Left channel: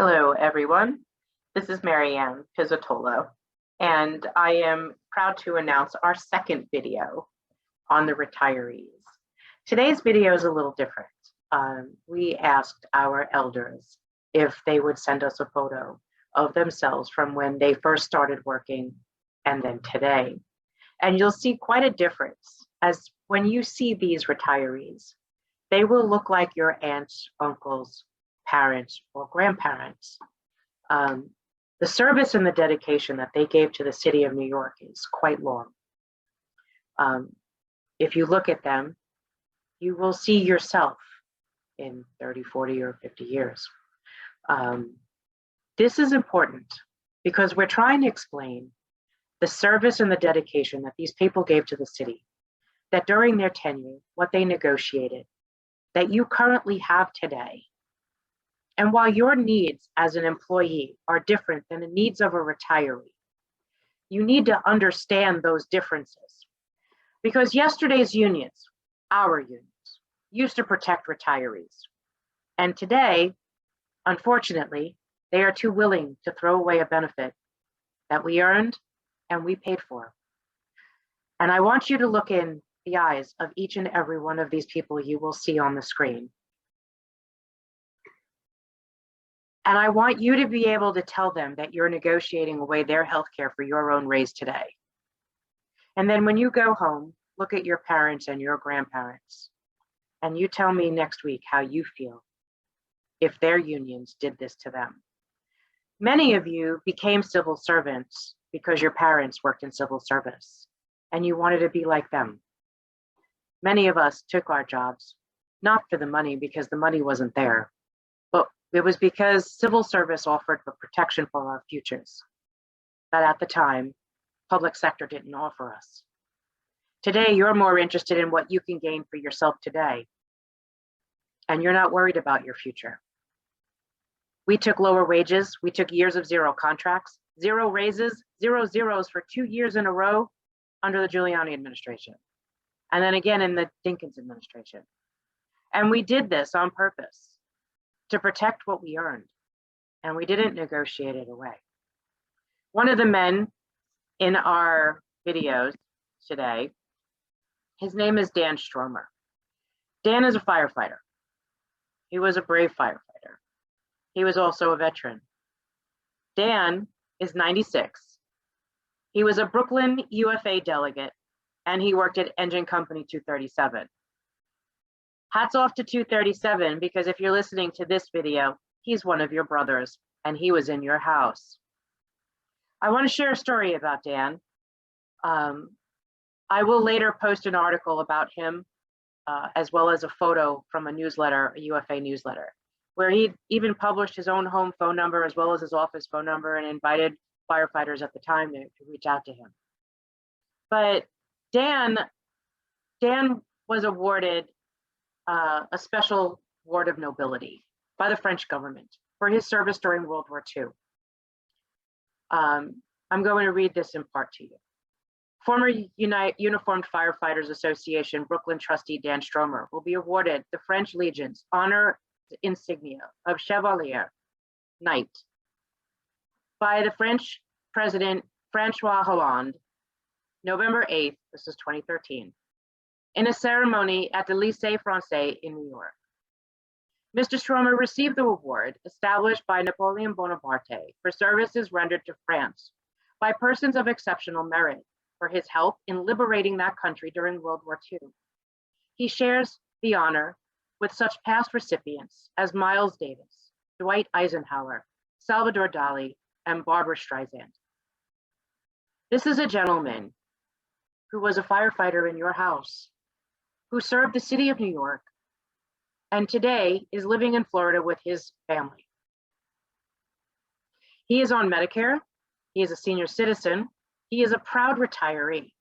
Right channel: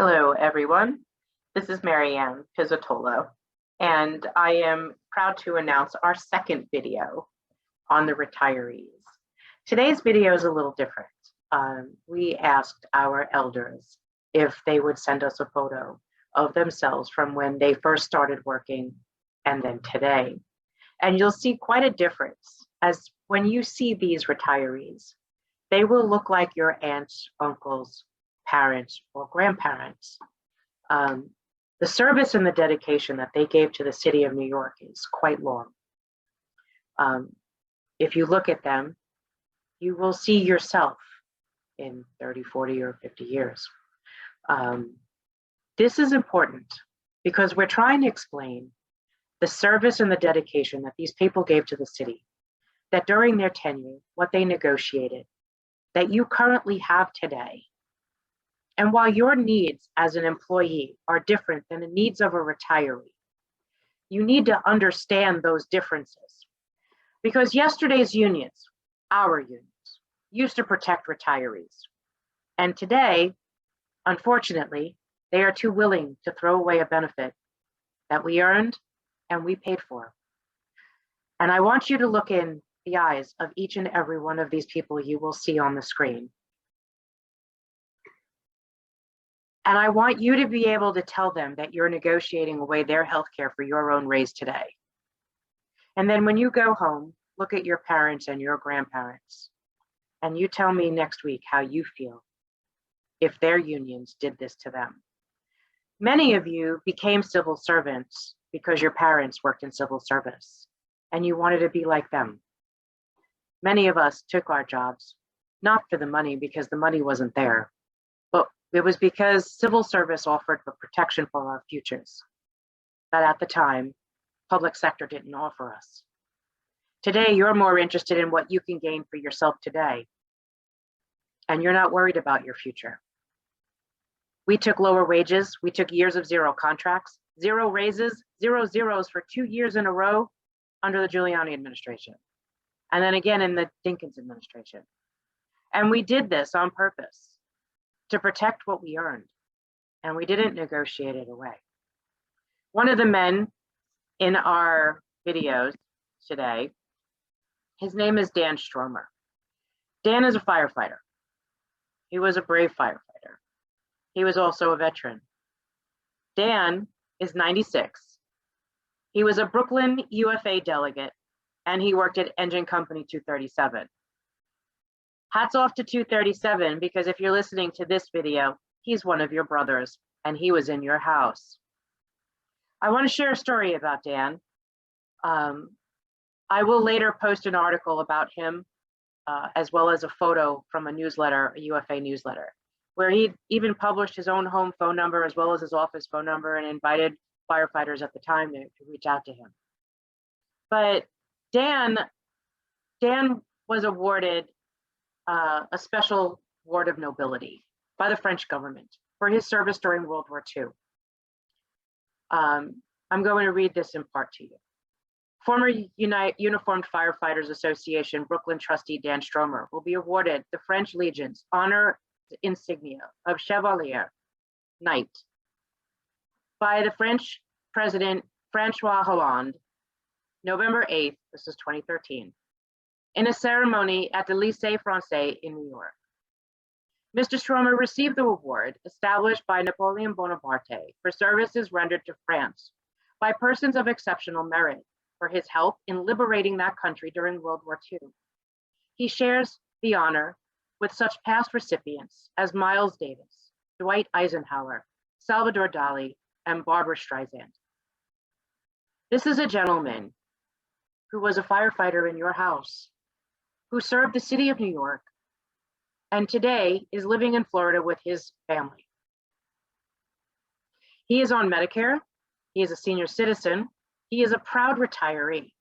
Hello, everyone. This is Marianne Pizzatolo, and I am proud to announce our second video on the retirees. Today's video is a little different. We asked our elders if they would send us a photo of themselves from when they first started working and then today. And you'll see quite a difference, as when you see these retirees, they will look like your aunts, uncles, parents, or grandparents. The service and the dedication that they gave to the city of New York is quite long. If you look at them, you will see yourself in 30, 40, or 50 years. This is important because we're trying to explain the service and the dedication that these people gave to the city, that during their tenure, what they negotiated, that you currently have today. And while your needs as an employee are different than the needs of a retiree, you need to understand those differences. Because yesterday's unions, our unions, used to protect retirees. And today, unfortunately, they are too willing to throw away a benefit that we earned and we paid for. And I want you to look in the eyes of each and every one of these people you will see on the screen. And I want you to be able to tell them that you're negotiating away their health care for your own raise today. And then when you go home, look at your parents and your grandparents, and you tell me next week how you feel if their unions did this to them. Many of you became civil servants because your parents worked in civil service and you wanted to be like them. Many of us took our jobs, not for the money because the money wasn't there, but it was because civil service offered for protection for our futures that at the time, public sector didn't offer us. Today, you're more interested in what you can gain for yourself today, and you're not worried about your future. We took lower wages, we took years of zero contracts, zero raises, zero zeros for 2 years in a row under the Giuliani administration, and then again in the Dinkins administration. And we did this on purpose to protect what we earned, and we didn't negotiate it away. One of the men in our videos today, his name is Dan Stromer. Dan is a firefighter. He was a brave firefighter. He was also a veteran. Dan is 96. He was a Brooklyn UFA delegate, and he worked at Engine Company 237. Hats off to 237, because if you're listening to this video, he's one of your brothers and he was in your house. I want to share a story about Dan. I will later post an article about him, as well as a photo from a newsletter, a UFA newsletter, where he even published his own home phone number as well as his office phone number and invited firefighters at the time to reach out to him. But Dan was awarded a special award of nobility by the French government for his service during World War II. I'm going to read this in part to you. Former Uniformed Firefighters Association Brooklyn trustee Dan Stromer will be awarded the French Legion's honor insignia of Chevalier Knight by the French President Francois Hollande, November 8th, this is 2013, in a ceremony at the Lycée Français in New York. Mr. Stromer received the award established by Napoleon Bonaparte for services rendered to France by persons of exceptional merit for his help in liberating that country during World War II. He shares the honor with such past recipients as Miles Davis, Dwight Eisenhower, Salvador Dali, and Barbara Streisand. This is a gentleman who was a firefighter in your house, who served the city of New York, and today is living in Florida with his family. He is on Medicare, he is a senior citizen, he is a proud retiree.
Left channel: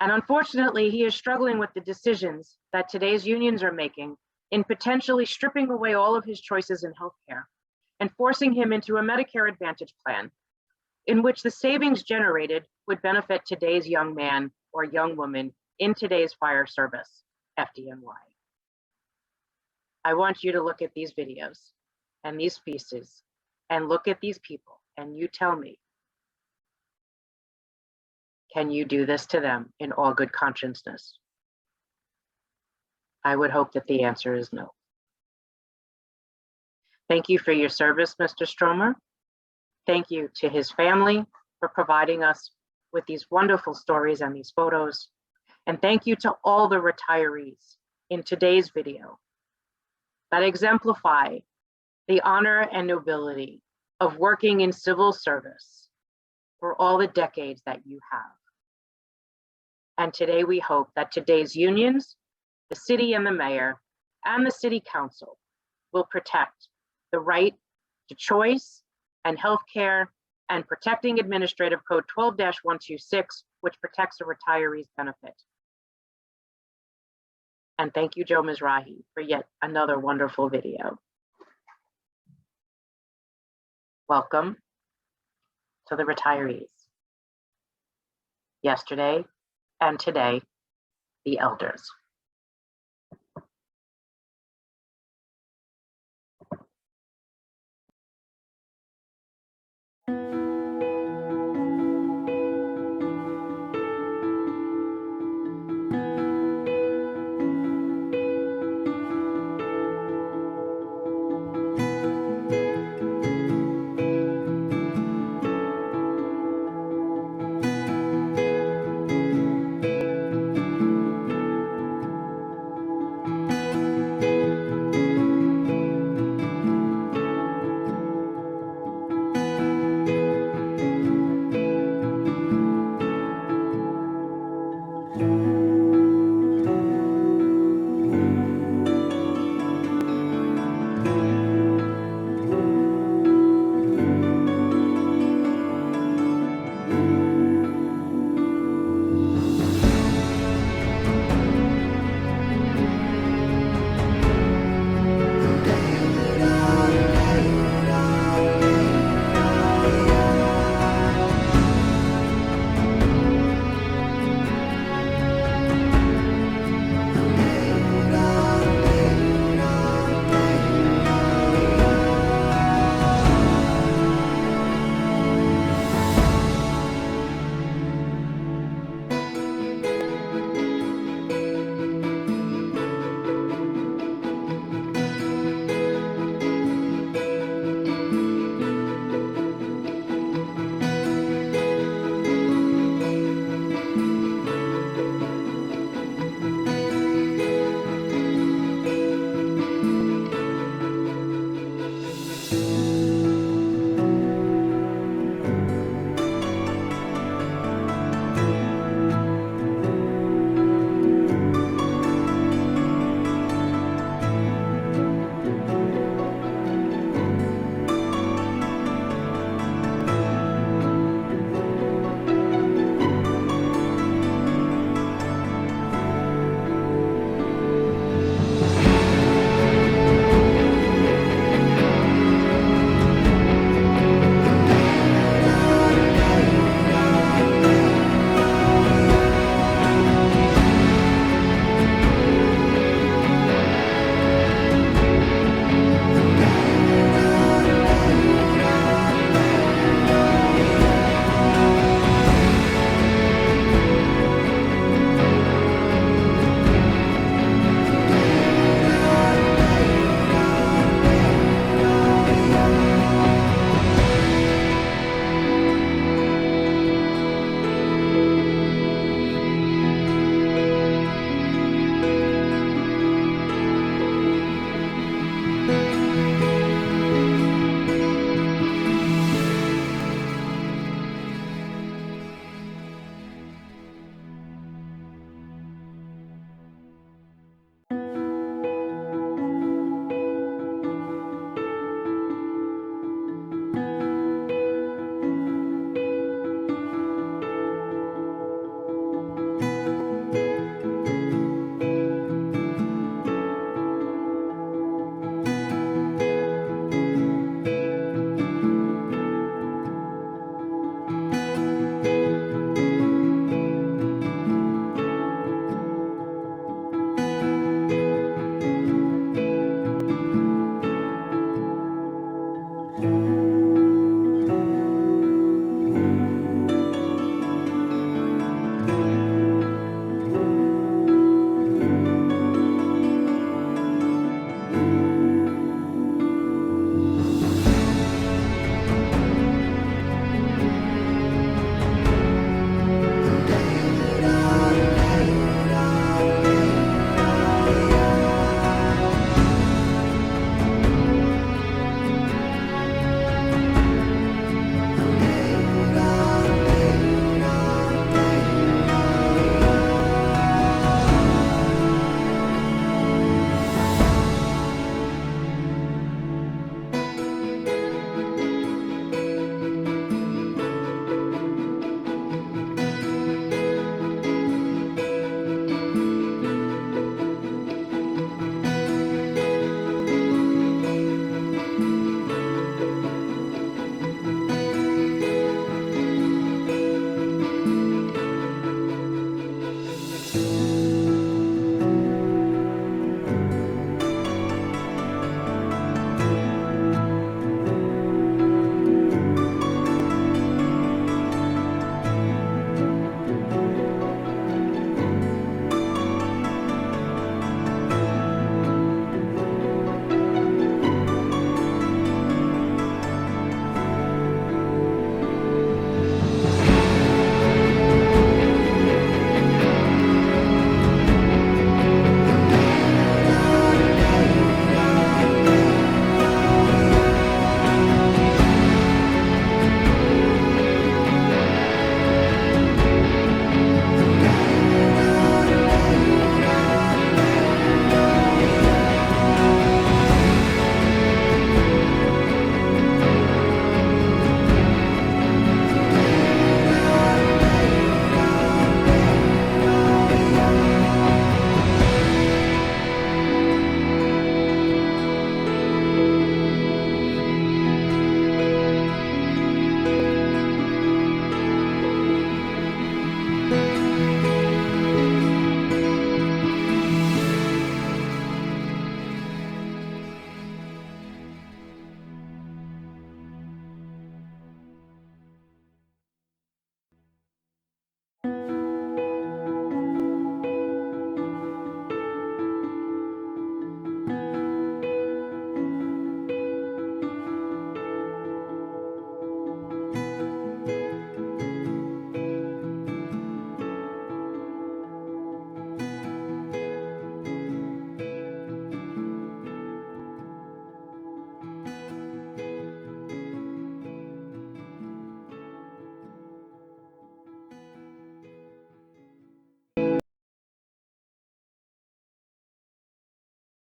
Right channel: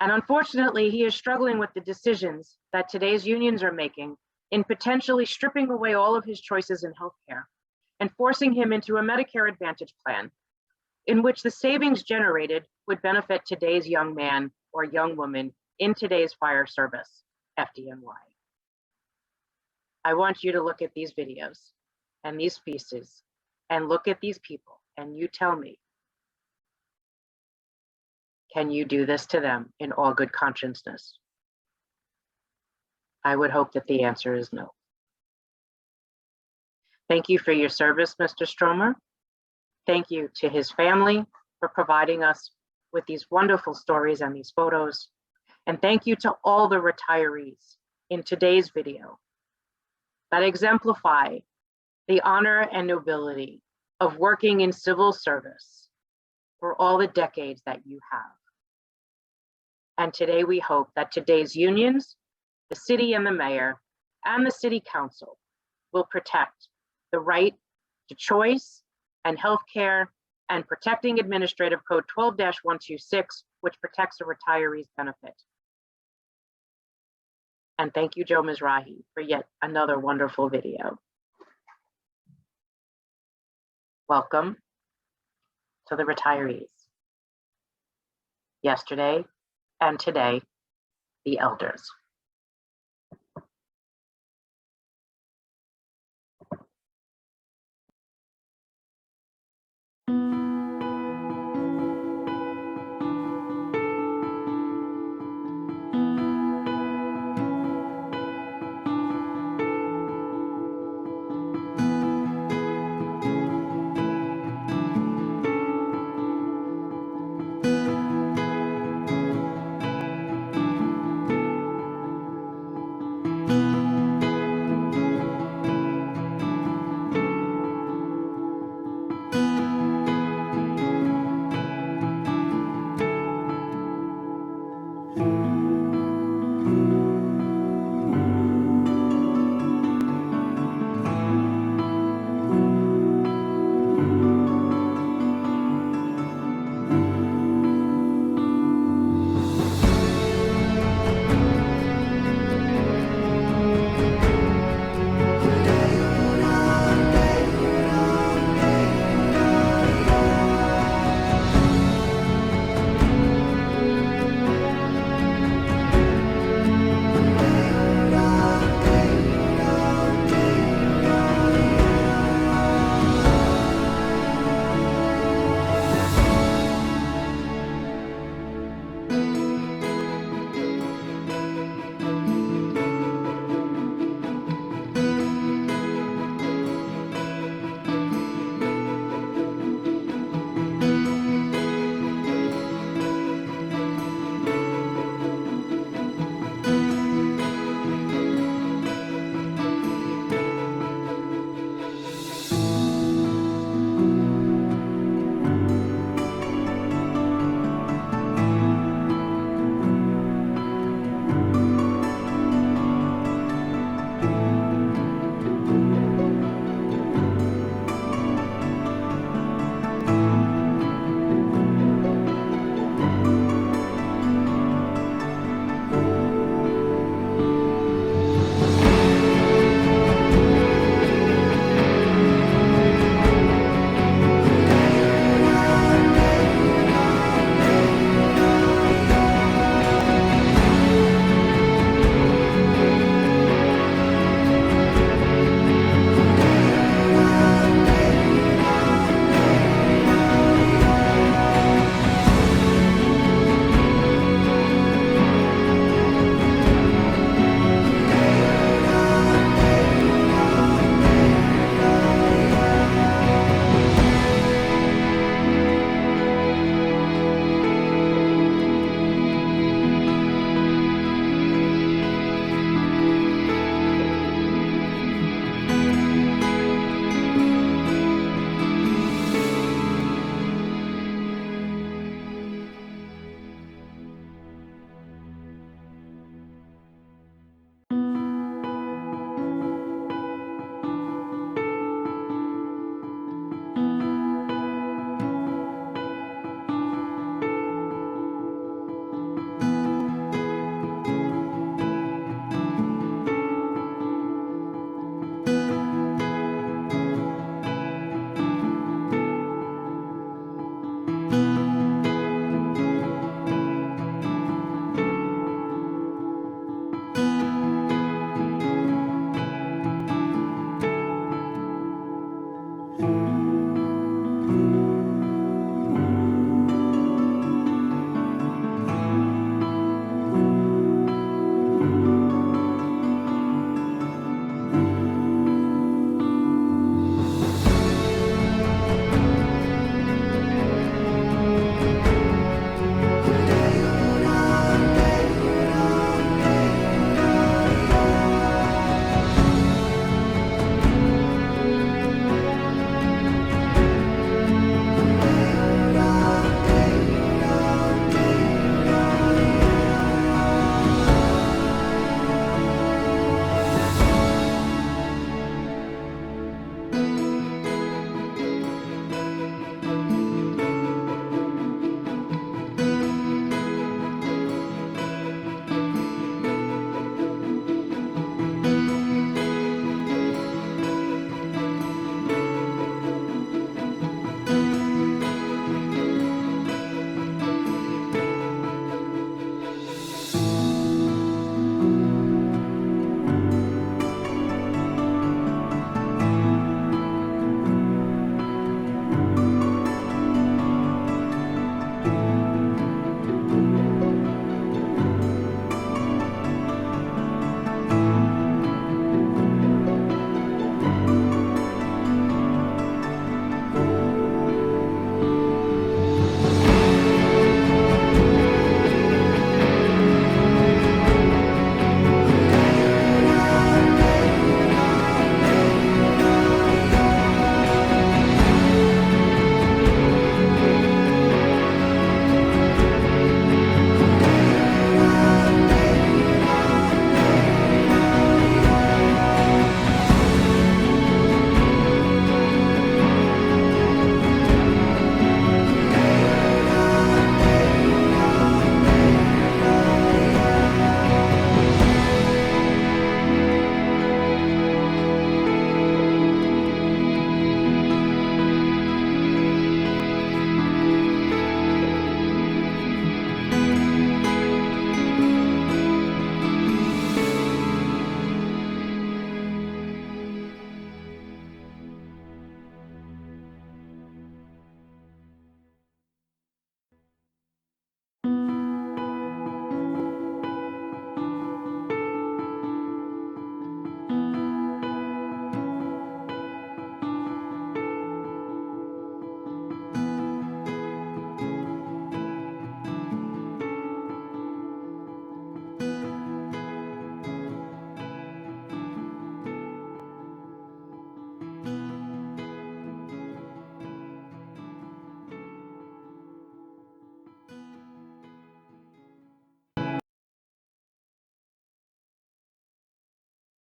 And unfortunately, he is struggling with the decisions that today's unions are making in potentially stripping away all of his choices in healthcare and forcing him into a Medicare Advantage plan in which the savings generated would benefit today's young man or young woman in today's fire service, FDNY. I want you to look at these videos and these pieces and look at these people and you tell me, can you do this to them in all good consciousness? I would hope that the answer is no. Thank you for your service, Mr. Stromer. Thank you to his family for providing us with these wonderful stories and these photos. And thank you to all the retirees in today's video that exemplify the honor and nobility of working in civil service for all the decades that you have. And today we hope that today's unions, the city and the mayor, and the city council will protect the right to choice and healthcare and protecting Administrative Code 12-126, which protects a retiree's benefit. And thank you, Joe Mizrahi, for yet another wonderful video. Welcome to the retirees. Yesterday and today, the elders.